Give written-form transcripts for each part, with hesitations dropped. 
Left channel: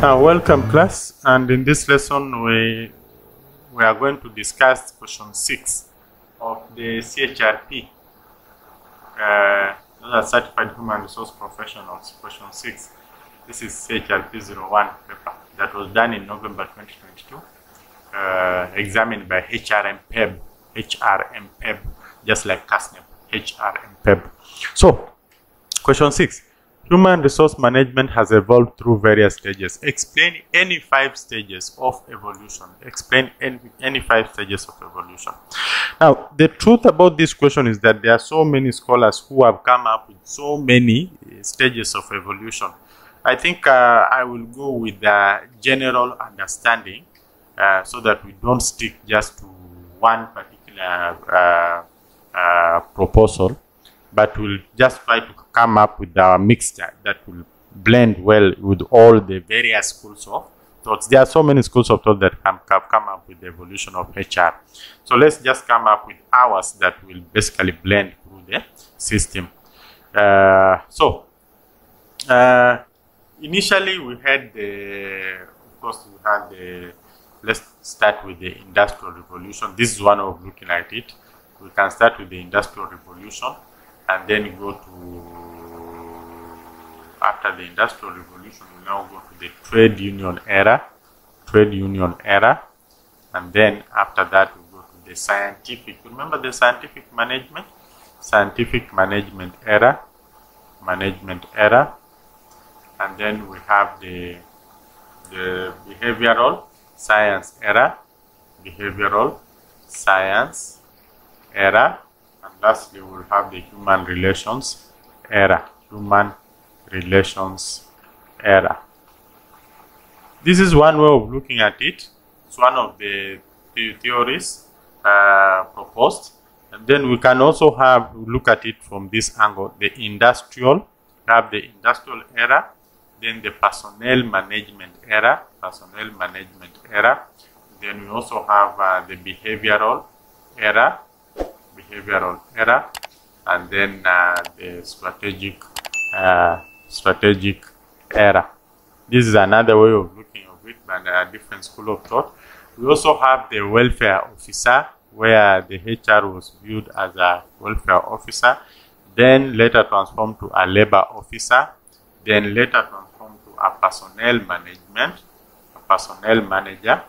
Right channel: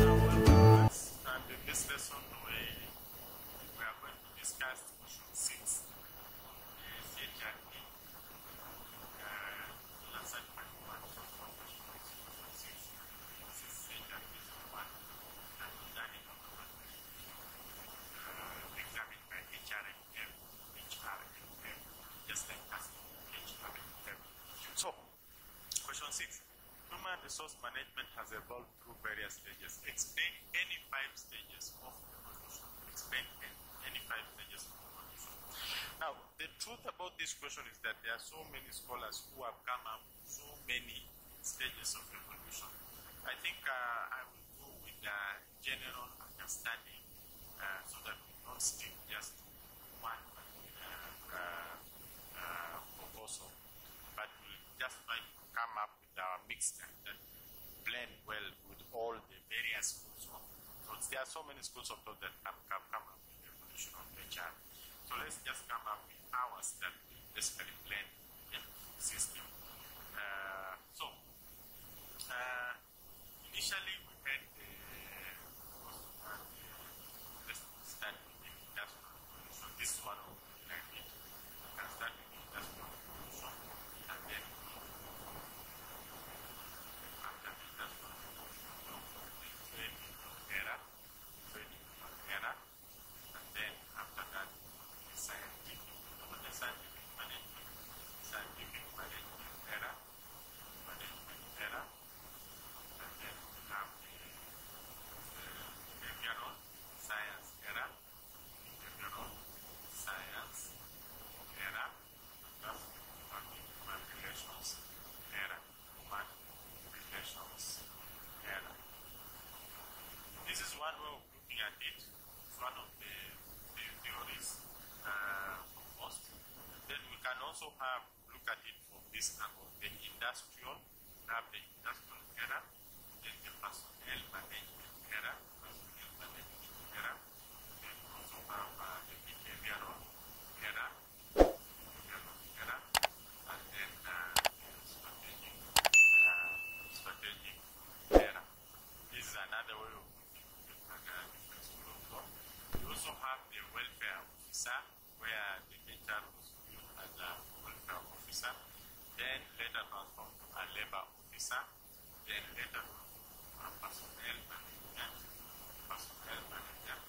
Welcome class, and in this lesson we are going to discuss question 6 of the CHRP, Certified Human Resource Professionals, question 6. This is CHRP 01 paper that was done in November 2022, examined by HRM PEB, just like CASNEP, HRM PEB. So, question 6. Human resource management has evolved through various stages. Explain any 5 stages of evolution. Explain any 5 stages of evolution. Now, the truth about this question is that there are so many scholars who have come up with so many stages of evolution. I think I will go with the general understanding so that we don't stick just to one particular proposal, but we'll just try to come up with a mixture that will blend well with all the various schools of thoughts. There are so many schools of thought that have come up with the evolution of HR. So let's just come up with ours that will basically blend through the system. Initially we had let's start with the Industrial Revolution. This is one way of looking at it. We can start with the Industrial Revolution and then go to, after the Industrial Revolution, we now go to the Trade Union era, and then after that we go to the Scientific, remember the Scientific Management era, and then we have the Behavioral Science era, and lastly we'll have the Human Relations era. This is one way of looking at it. It's one of the theories proposed, and then we can also look at it from this angle. The industrial era, then the personnel management era. Then we also have the behavioral era, and then the strategic era. This is another way of looking at it, but a different school of thought. We also have the welfare officer, where the HR was viewed as a welfare officer, then later transformed to a labor officer, then later transformed to a personnel manager,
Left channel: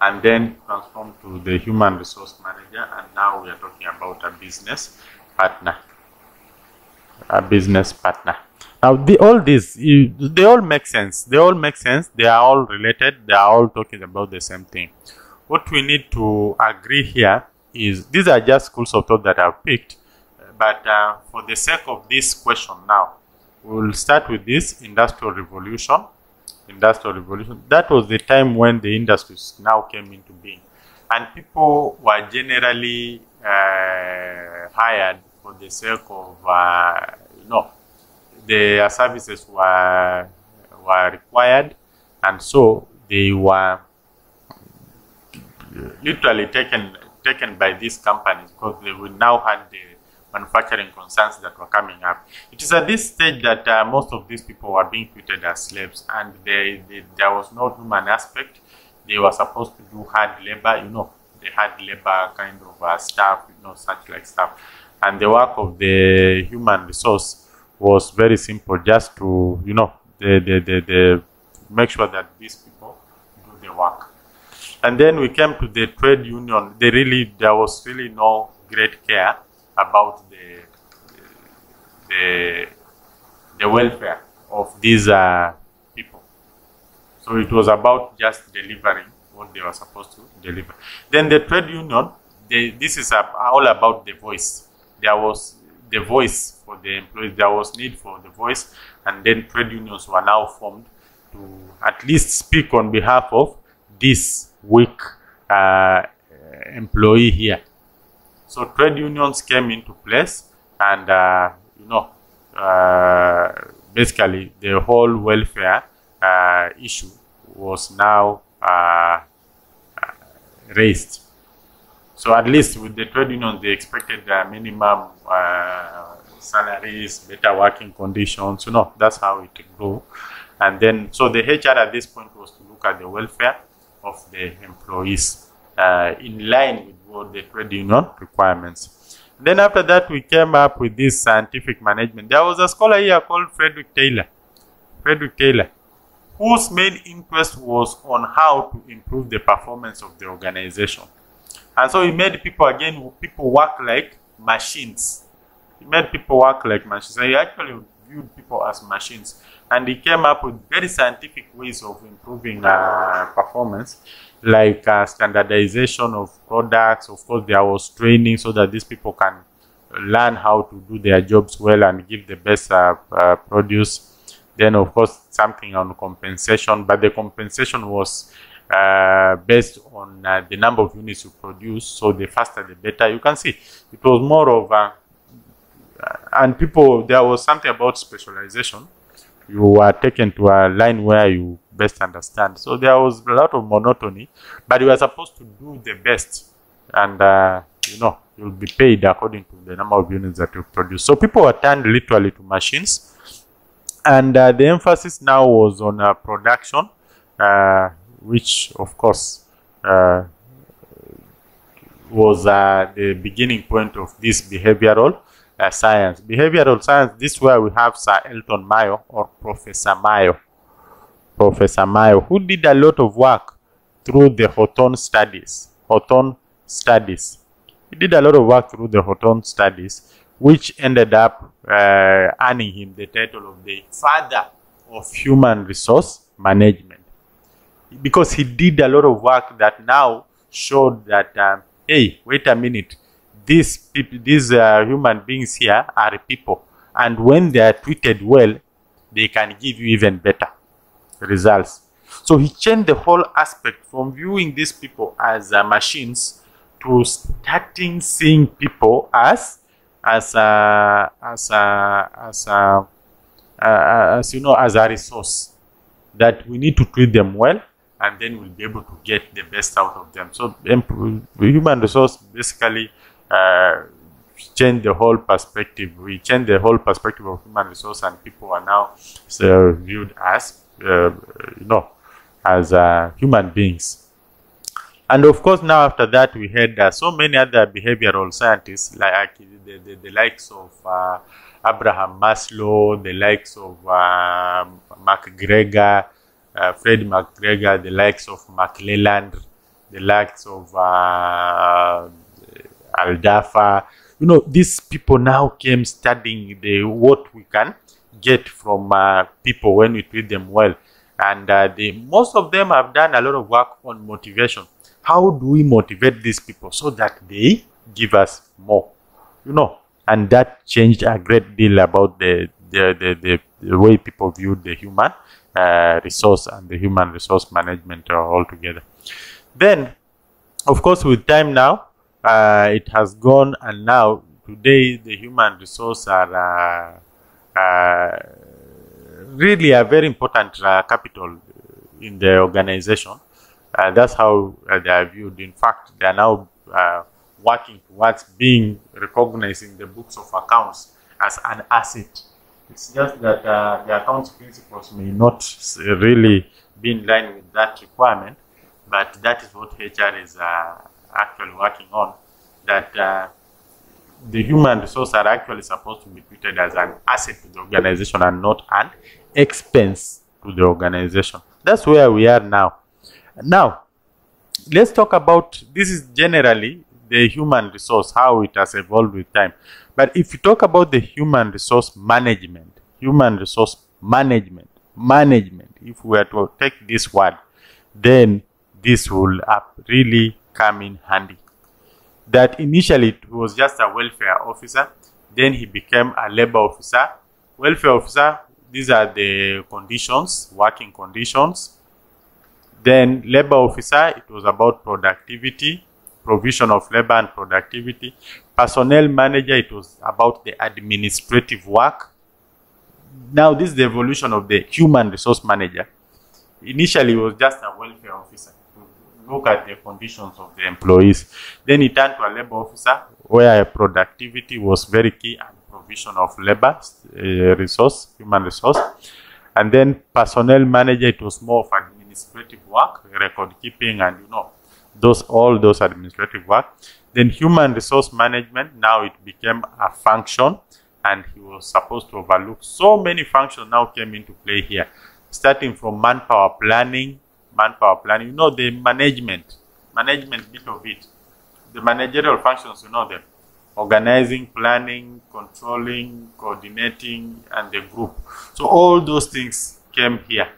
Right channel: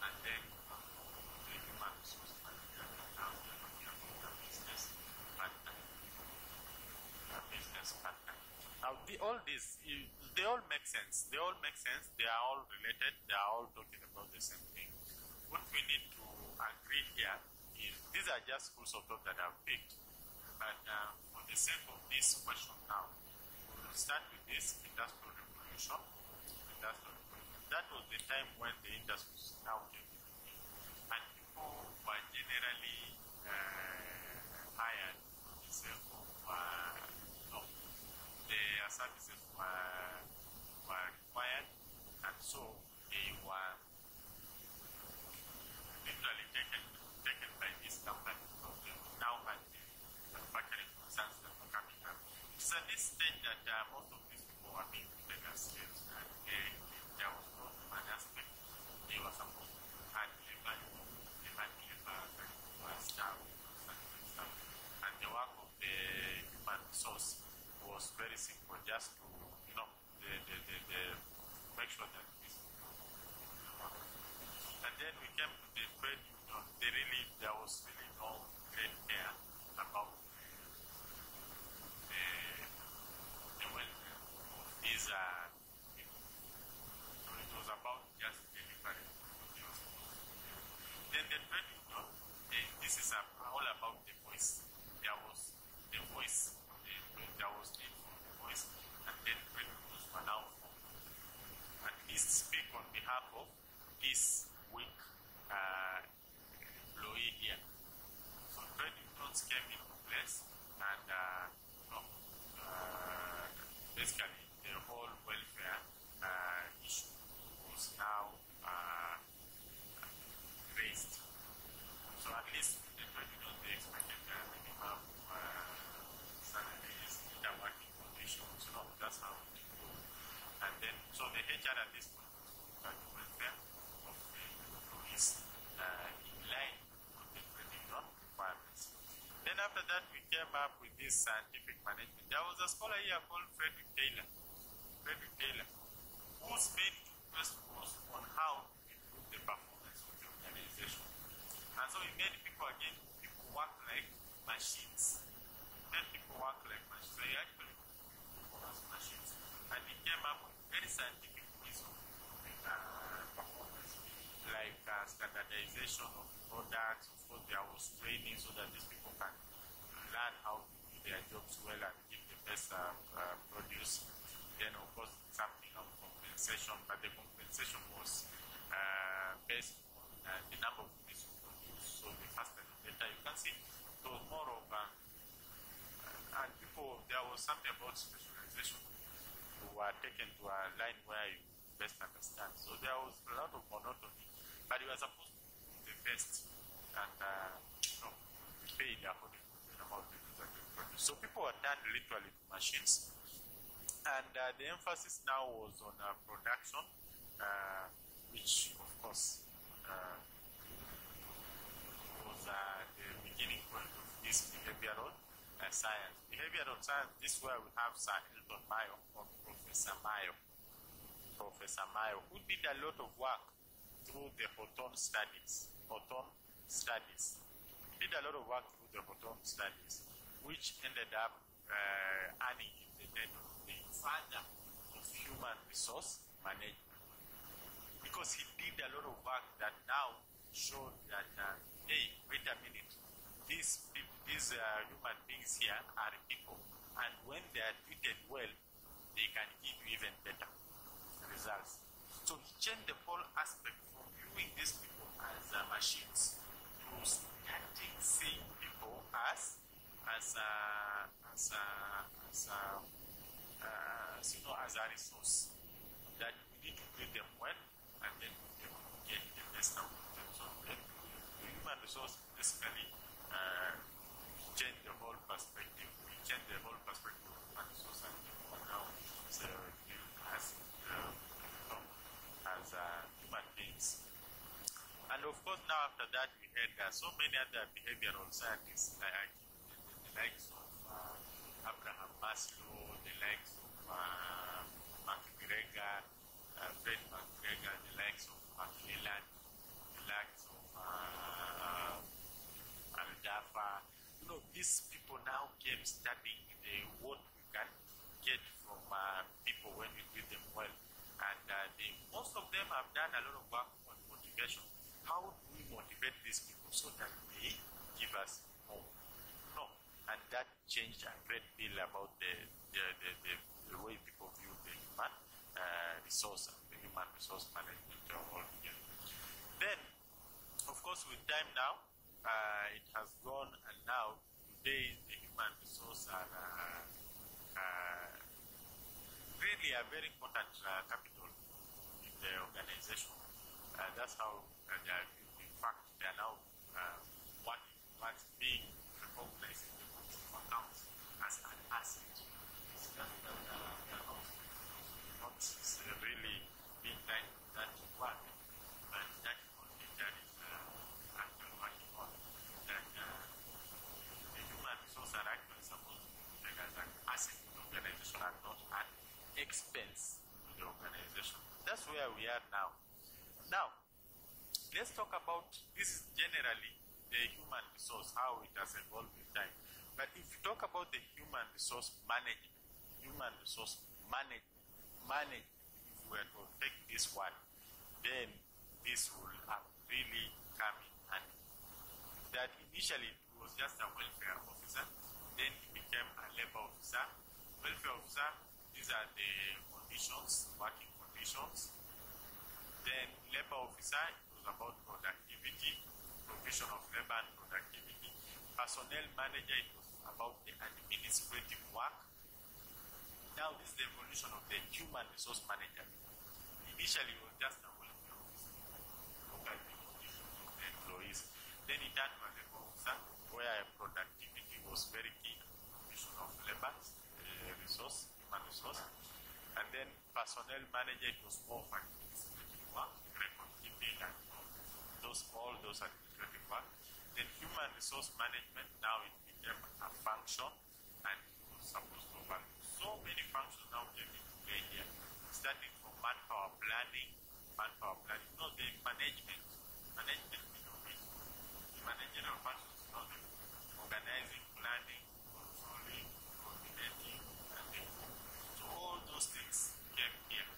and then transformed to the human resource manager, and now we are talking about a business partner. Now, all these, they all make sense. They are all related. They are all talking about the same thing. What we need to agree here is these are just schools of thought that I've picked, but for the sake of this question now, we'll start with this Industrial Revolution. That was the time when the industries now came into being, and people were generally hired for the sake of their services were required, and so they were literally taken by these companies because they would now had the manufacturing concerns that were coming up. It is at this stage that most of these people were being treated as slaves, and there was no human aspect. They were supposed to do hard labor, the hard labor kind of stuff, such like stuff. And the work of the human resource was very simple, just to, they make sure that these people do the work. And then we came to the trade union. There was really no great care about the welfare of these people. So it was about just delivering what they were supposed to deliver. Then the trade union, this is all about the voice. There was the voice for the employees. There was need for the voice, and then trade unions were now formed to at least speak on behalf of this weak employee here. So trade unions came into place, and basically the whole welfare issue was now raised. So at least with the trade unions, they expected minimum salaries, better working conditions. That's how it go. And then, so the HR at this point was to look at the welfare of the employees in line with what the trade union requirements. Then after that, we came up with this scientific management. There was a scholar here called Frederick Taylor, whose main interest was on how to improve the performance of the organization. And so he made people work like machines. He made people work like machines. So he actually viewed people as machines. And he came up with very scientific ways of improving performance, like standardization of products. Of course, there was training so that these people can learn how to do their jobs well and give the best produce. Then, of course, something on compensation, but the compensation was based on the number of units you produce. So the faster, the better. You can see it was more of and people, there was something about specialization. You were taken to a line where you best understand. So there was a lot of monotony, but you were supposed to do the best, and you know, you'll be paid according to the number of units that you produce. So people were turned literally to machines, and the emphasis now was on production, which of course was the beginning point of this behavioral science. Behavioral science, this is where we have Sir Elton Mayo, or Professor Mayo, who did a lot of work through the Hawthorne studies. He did a lot of work through the Hawthorne studies, which ended up earning him the title of the father of human resource management, because he did a lot of work that now showed that, hey, wait a minute, these human beings here are people, and when they are treated well, they can give you even better results. So he changed the whole aspect from viewing these people as machines to starting seeing people as you know, as a resource that we need to treat them well, and then we'll be able to get the best out of them. So human resource basically changed the whole perspective. We changed the whole perspective of human resource, and people are now viewed as you know, as human beings. And of course, now after that, we had so many other behavioral scientists, like the likes of Abraham Maslow, the likes of McGregor, Fred McGregor, the likes of McClelland, the likes of Aldafa. You know, these people now came studying what we can get from people when we treat them well. And most of them have done a lot of work on motivation. How do we motivate these people so that they give us more? You know, and that changed a great deal about the way people viewed the human resource and the human resource management altogether. Then, of course, with time now, it has gone, and now today the human resource are really a very important capital in the organization. That's how they are viewed. In fact, they are now working towards being recognized in the books of accounts as an asset. It's just that the accounts principles may not really be in line with that requirement, but that is what HR is actually working on, that the human resources are actually supposed to be treated as an asset to the organization and not an expense to the organization. That's where we are now. Now, let's talk about, this is generally the human resource, how it has evolved with time. But if you talk about the human resource management, if we were to take this word, then this will really come in handy. That initially it was just a welfare officer, then he became a labor officer. Welfare officer, these are the conditions, working conditions. Then labor officer, it was about productivity, provision of labor and productivity. Personnel manager, it was about the administrative work. Now this is the evolution of the human resource manager. Initially, it was just a welfare officer to look at the conditions of the employees. Then he turned to a labor officer where productivity was very key and provision of labor resource, human resource. And then personnel manager, it was more of administrative work, record keeping, and all those administrative work. Then human resource management, now it became a function, and he was supposed to overlook so many functions now came into play here, starting from manpower planning, the management bit of it, the managerial functions, them, organizing, planning, controlling, coordinating, and the group. So all those things came here.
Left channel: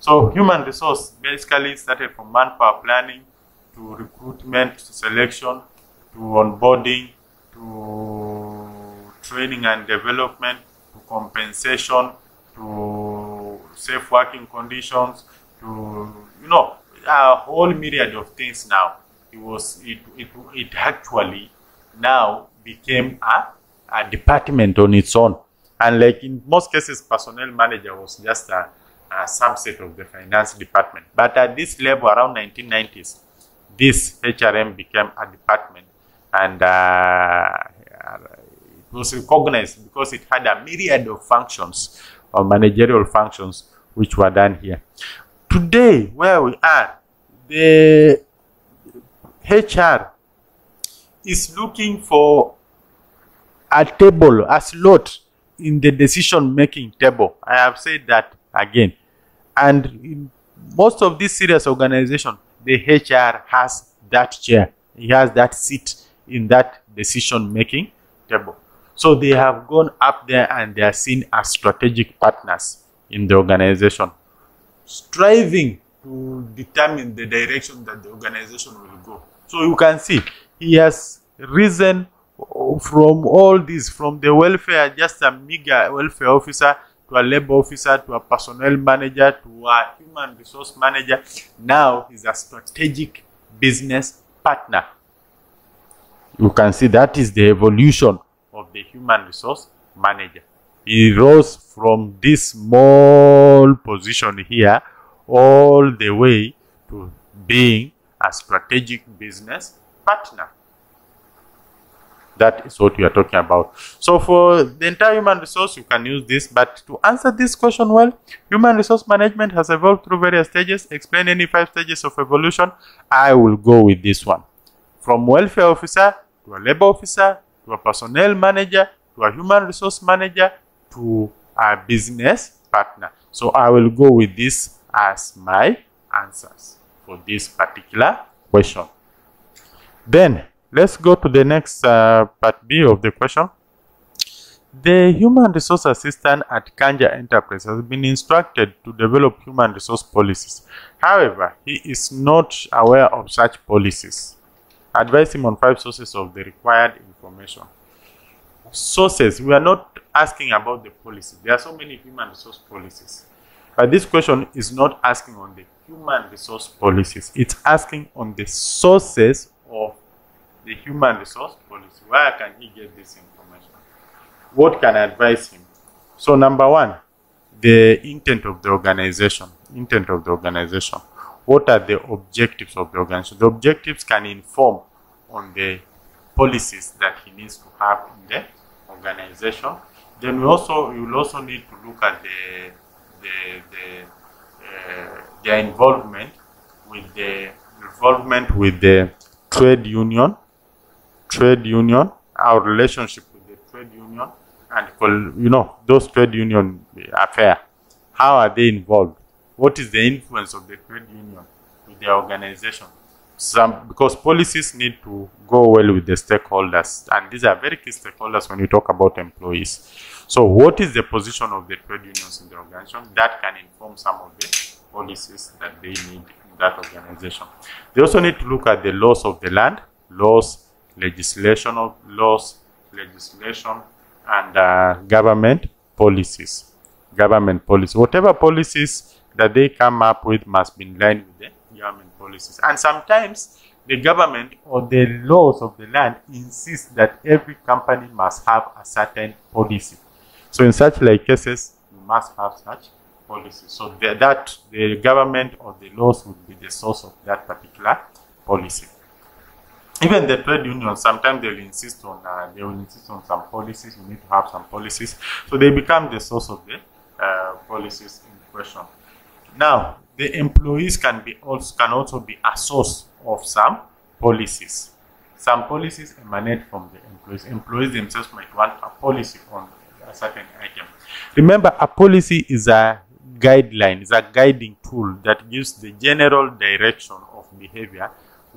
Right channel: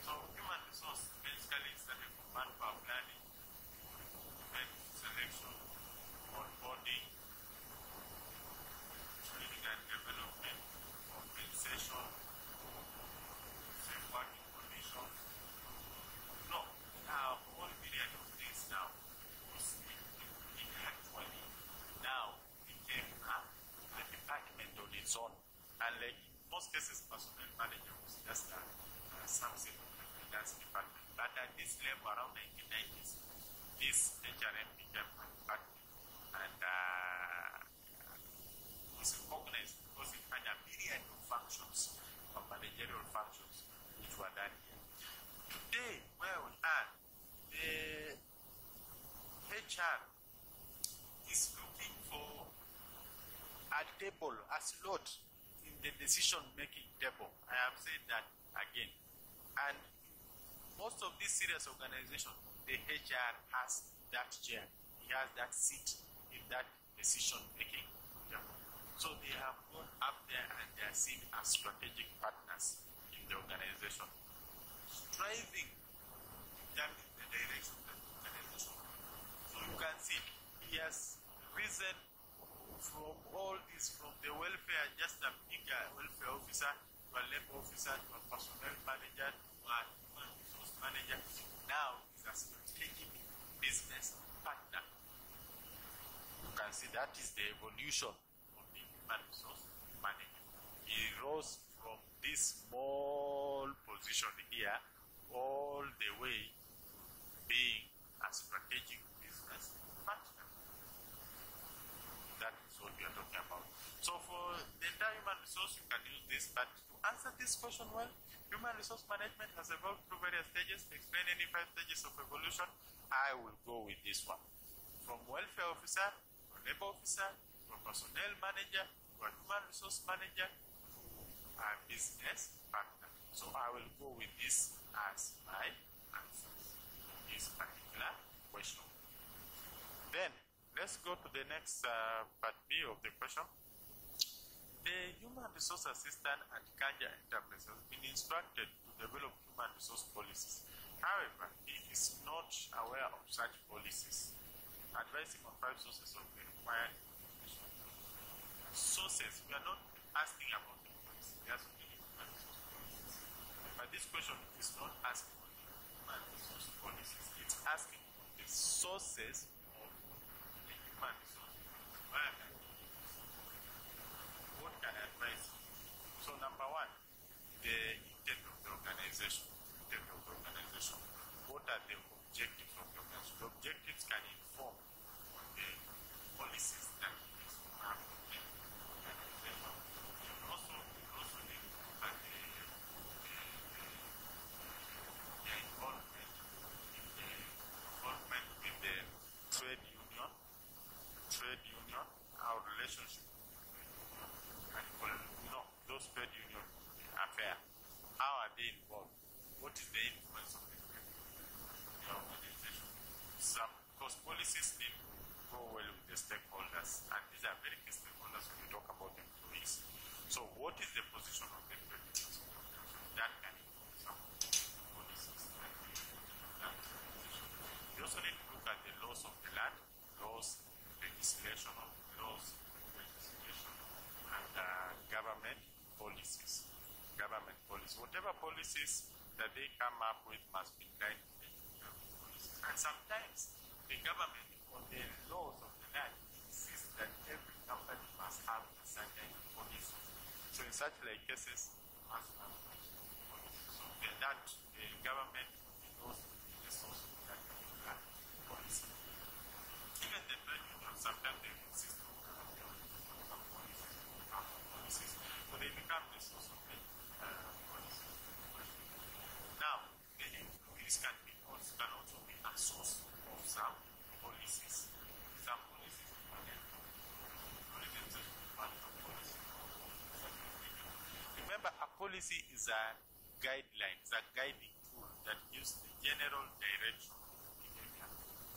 So human resource basically started from manpower planning to recruitment, to selection, to onboarding, to training and development, to compensation, to safe working conditions, to a whole myriad of things. Now it actually now became a department on its own. And like in most cases, personnel manager was just a subset of the finance department. But at this level, around 1990s, this HRM became a department, and it was recognized because it had a myriad of functions, or managerial functions, which were done here. Today, where we are, the HR is looking for a table, a slot in the decision-making table. I have said that again. And in most of these serious organizations, the HR has that chair. He has that seat in that decision-making table. So they have gone up there and they are seen as strategic partners in the organization, striving to determine the direction that the organization will go. So you can see he has risen from all this, from the welfare, just a meager welfare officer, to a labor officer, to a personnel manager, to a human resource manager. Now he's a strategic business partner. You can see that is the evolution of the human resource manager. He rose from this small position here all the way to being a strategic business partner. That is what we are talking about. So for the entire human resource, you can use this. But to answer this question well, human resource management has evolved through various stages. Explain any 5 stages of evolution. I will go with this one. From welfare officer to a labor officer to a personnel manager to a human resource manager to a business partner. So I will go with this as my answers for this particular question. Then let's go to the next part B of the question. The human resource assistant at Kanja Enterprise has been instructed to develop human resource policies. However, he is not aware of such policies. Advise him on 5 sources of the required information. Sources, we are not asking about the policy. There are so many human resource policies. But this question is not asking on the human resource policies. It's asking on the sources of the human resource policy. Where can he get this information? What can I advise him? So number 1, the intent of the organization. Intent of the organization. What are the objectives of the organization? The objectives can inform on the policies that he needs to have in the organization. Then you will also need to look at their involvement with the trade union, our relationship with the trade union, and those trade union affair. How are they involved? What is the influence of the trade union with the organization? Because policies need to go well with the stakeholders, and these are very key stakeholders when you talk about employees. So what is the position of the trade unions in the organization? That can inform some of the policies that they need in that organization. They also need to look at the laws of the land, legislation, and government policies. Whatever policies that they come up with must be in line with the government policies. And sometimes the government or the laws of the land insist that every company must have a certain policy. So in such like cases, you must have such policy. So the government or the laws would be the source of that particular policy. Even the trade unions, sometimes they will insist on some policies. You need to have some policies. So they become the source of the policies in question. Now, the employees can also be a source of some policies. Some policies emanate from the employees. Employees themselves might want a policy on a certain item. Remember, a policy is a guideline, is a guiding tool that gives the general direction of behavior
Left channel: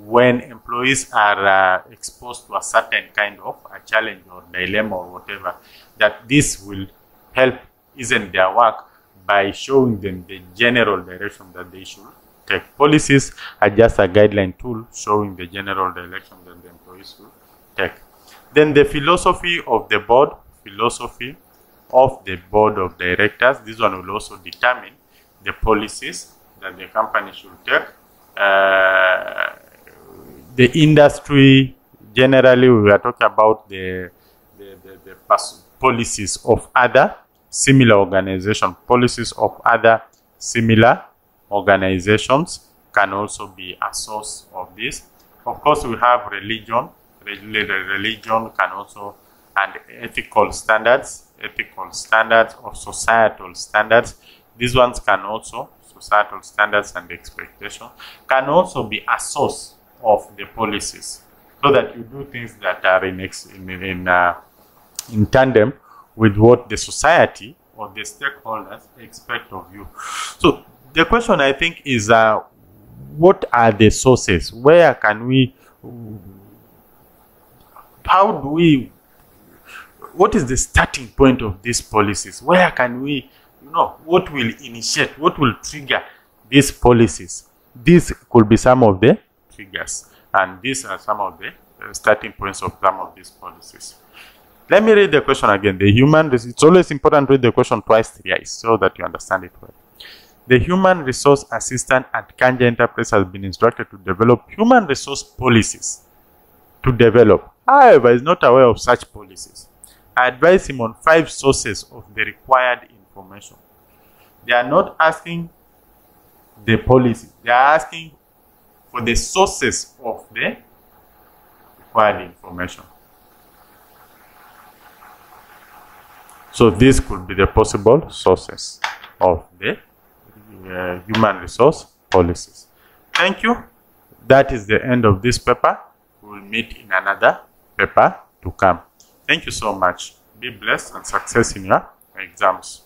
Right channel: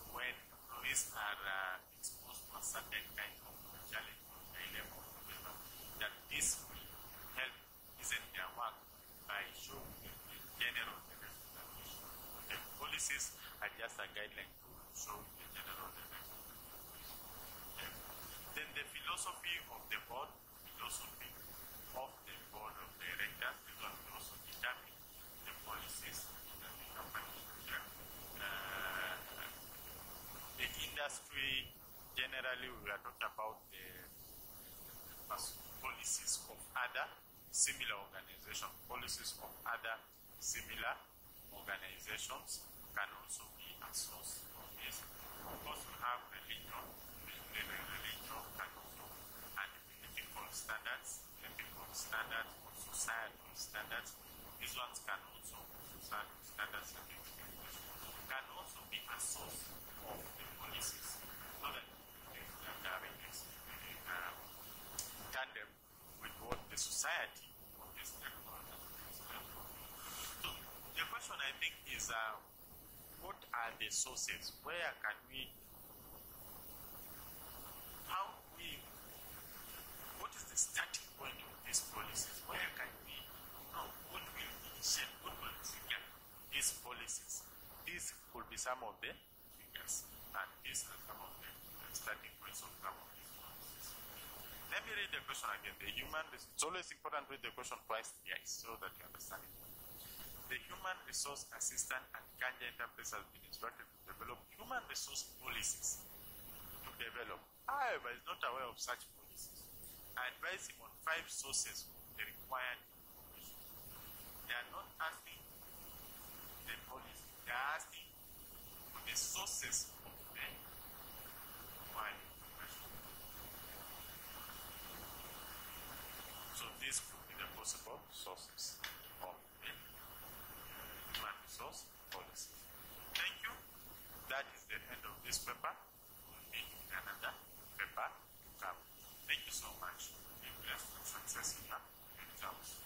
when employees are exposed to a certain kind of a challenge or dilemma or whatever, that this will help ease their work by showing them the general direction that they should take. Policies are just a guideline tool showing the general direction that the employees should take. Then the philosophy of the board, of directors, this one will also determine the policies that the company should take. The industry, generally, we are talking about the policies of other similar organizations. Policies of other similar organizations can also be a source of this. Of course, we have religion. Religion can also, and ethical standards or societal standards. These ones can also, societal standards and expectations, can also be a source of the policies, so that you do things that are in tandem with what the society or the stakeholders expect of you. So the question, I think, is what are the sources? Where can we, what is the starting point of these policies? Where can we, what will initiate, what will trigger these policies? These could be some of the triggers, and these are some of the starting points of some of these policies. Let me read the question again. It's always important to read the question twice, thrice, so that you understand it well. The human resource assistant at Kanja Enterprise has been instructed to develop human resource policies. However, is not aware of such policies. I advise him on 5 sources of the required information. They are not asking the policy. They are asking for the sources of the required information. So these could be the possible sources of the human resource policies. Thank you. That is the end of this paper. We will meet in another paper to come. Thank you so much. Be blessed and success in your exams.